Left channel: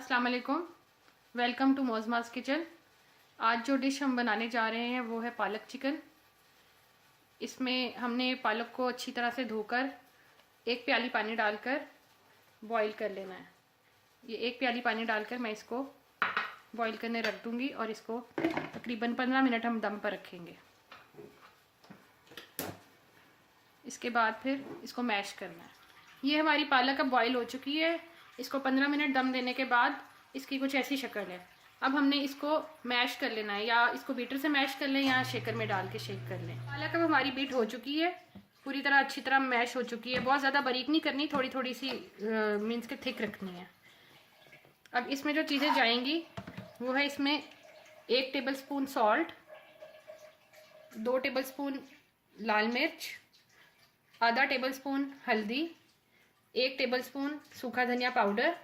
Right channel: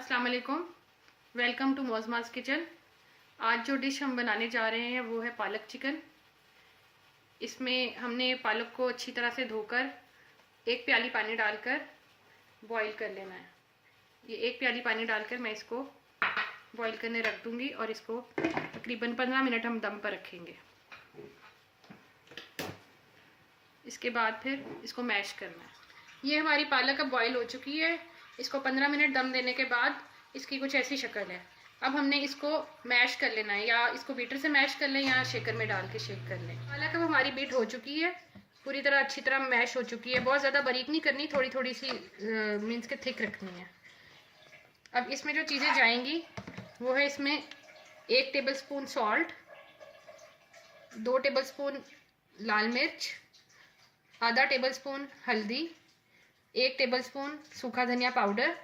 अस्सलाम वालेकुम, welcome to मोज़माज़ kitchen. आज जो डिश हम बनाने जा रहे हैं वो है पालक चिकन। इसमें हमने पालक को अच्छी तरह से धोकर एक प्याली पानी डालकर बॉईल कर लेना है। ये एक प्याली पानी डालकर मैं इसको बॉईल करने रख दूंगी और इसको तकरीबन 15 मिनट हम दम पर रखेंगे। इसके बाद फिर इसको मैश करना है। ये हमारी पालक अब बॉईल हो चुकी है। इसको 15 मिनट दम देने के बाद इसकी कुछ ऐसी शक्ल है। अब हमने इसको मैश कर लेना है, या इसको बीटर से मैश कर लें या शेकर में डाल के शेक कर लें। पालक अब हमारी बीट हो चुकी है, पूरी तरह अच्छी तरह मैश हो चुकी है। बहुत ज़्यादा बारीक नहीं करनी, थोड़ी थोड़ी सी मीन्स के थिक रखनी है। अब इसमें जो चीज़ें जाएंगी वो है, इसमें 1 tablespoon salt, 2 tablespoon लाल मिर्च, आधा टेबल स्पून हल्दी, 1 टेबल स्पून सूखा धनिया पाउडर,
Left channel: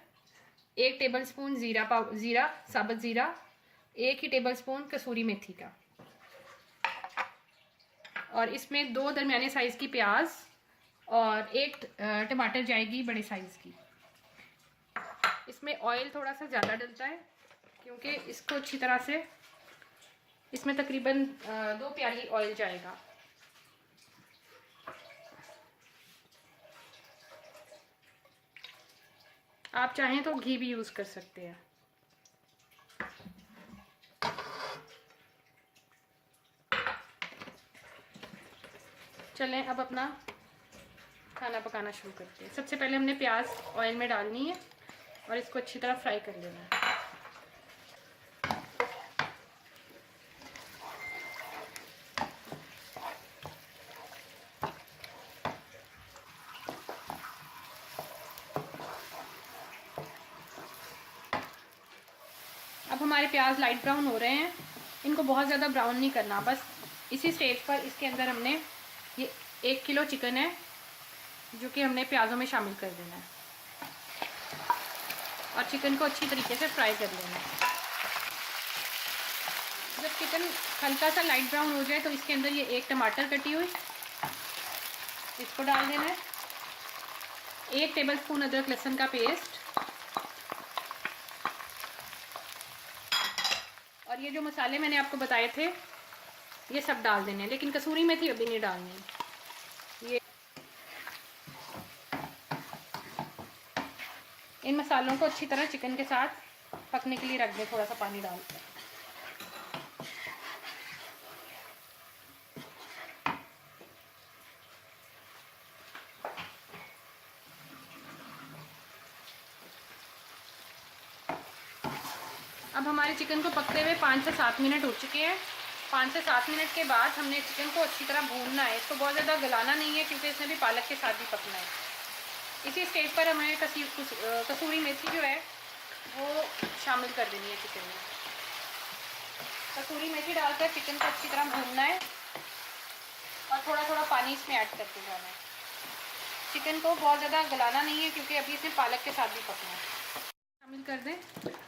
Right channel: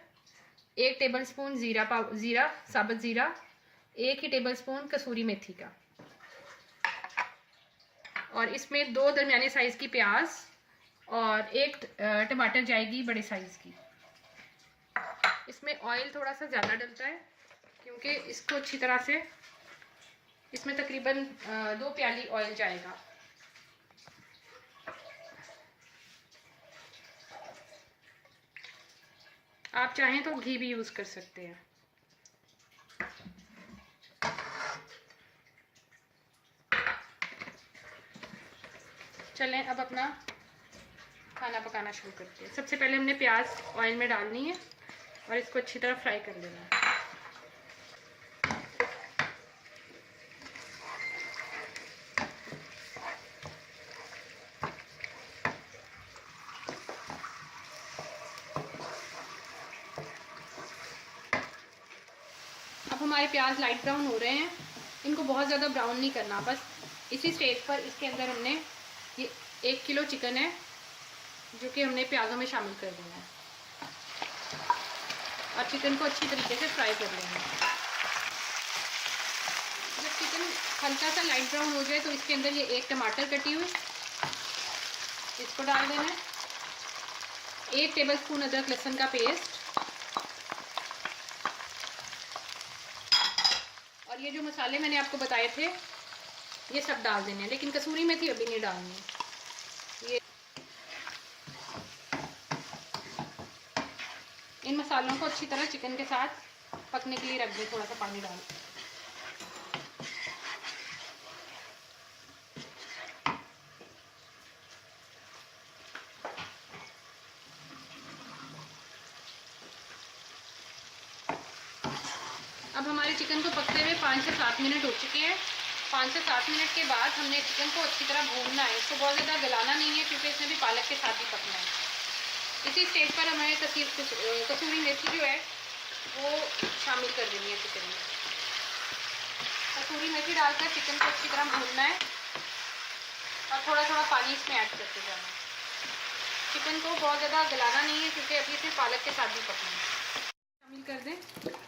1 टेबल स्पून ज़ीरा साबुत ज़ीरा, 1 ही टेबल स्पून कसूरी मेथी का, और इसमें 2 दरमियाने साइज़ की प्याज और 1 टमाटर जाएगी बड़े साइज़ की। इसमें ऑयल थोड़ा सा ज़्यादा डलता है क्योंकि इसको अच्छी तरह से, इसमें तकरीबन 2 प्याली ऑयल जाएगा। आप चाहें तो घी भी यूज़ कर सकते हैं। चलें अब अपना खाना पकाना शुरू करते हैं। सबसे पहले हमने प्याज ऑयल में डालनी है और इसको अच्छी तरह फ्राई कर लेना है। अब हमारे प्याज लाइट ब्राउन हो रहे हैं। इनको बहुत ज़्यादा ब्राउन नहीं करना, बस इसी स्टेज पर इसके अंदर हमने ये 1 किलो चिकन है जो कि हमने प्याज़ों में शामिल कर देना है और चिकन को अच्छी तरीके से फ्राई कर लेना है। जब चिकन हल्का सा लाइट ब्राउन हो जाए तो इसके अंदर ये 1 टमाटर कटी हुई इसको डाल देना है, 1 टेबल स्पून अदरक लहसुन का पेस्ट, और ये जो मसाले मैंने आपको बताए थे ये सब डाल देने हैं, लेकिन कसूरी मेथी अभी नहीं डालनी। ये इन मसालों को अच्छी तरह चिकन के साथ पकने के लिए रख दें, थोड़ा सा पानी डाल। अब हमारे चिकन को पकते हुए 5 से 7 मिनट हो चुके हैं। 5 से 7 मिनट के बाद हमने चिकन को अच्छी तरह भूनना है। इसको बहुत ज़्यादा गलाना नहीं है क्योंकि इसमें भी पालक के साथ ही पकना है। इसी स्टेज पर हमें कसूरी मेथी जो है वो शामिल कर देनी है चिकन में। कसूरी मेथी डालकर चिकन को अच्छी तरह भूनना है और थोड़ा थोड़ा पानी इसमें ऐड करते जाना है। चिकन को बहुत ज़्यादा गलाना नहीं है क्योंकि अभी इसमें पालक के साथ भी पकना है। शामिल कर दें।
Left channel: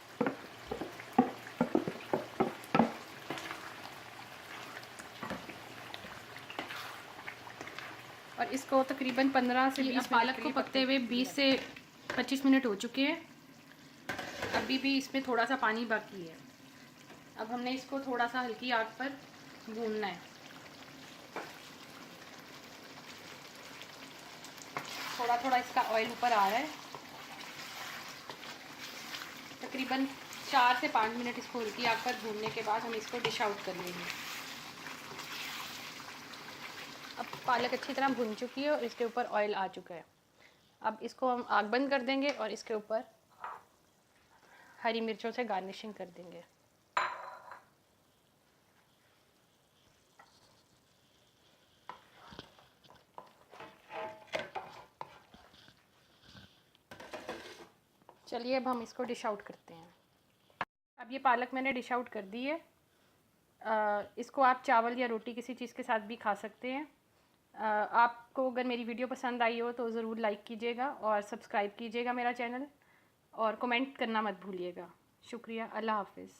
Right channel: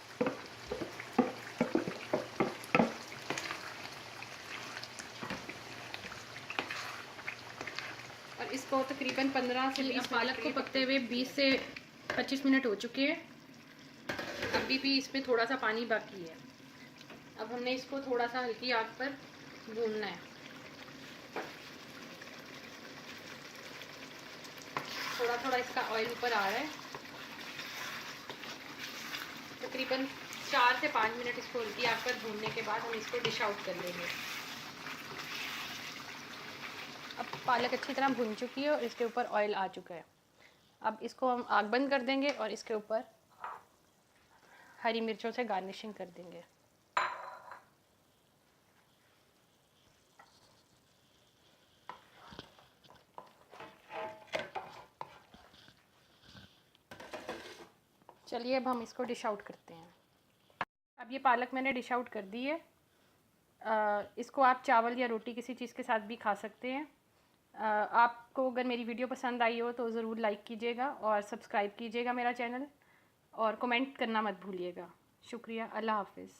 और इसको तकरीबन 15 से 20 पालक को पकते हुए 20 से 25 मिनट हो चुके हैं। अभी भी इसमें थोड़ा सा पानी बाकी है। अब हमने इसको थोड़ा सा हल्की आंच पर भूनना है। थोड़ा थोड़ा इसका ऑयल ऊपर आ रहा है। तकरीबन 4 से 5 मिनट इसको हल्की आंच पर भूनने के बाद हम इसको डिश आउट कर लेंगे। अब पालक अच्छी तरह भुन चुकी है और इसके ऊपर ऑयल आ चुका है। अब इसको हम आग बंद कर देंगे और इसके ऊपर हरी मिर्चों से गार्निशिंग कर देंगे। चलिए अब हम इसको डिश आउट करते हैं। अब ये पालक मैंने डिश आउट कर दी है। इसको आप चावल या रोटी किसी चीज़ के साथ भी खा सकते हैं। आपको अगर मेरी वीडियो पसंद आई हो तो ज़रूर लाइक कीजिएगा और सब्सक्राइब कीजिएगा मेरा चैनल, और कमेंट करना मत भूलिएगा। शुक्रिया। अल्लाह हाफ़िज़।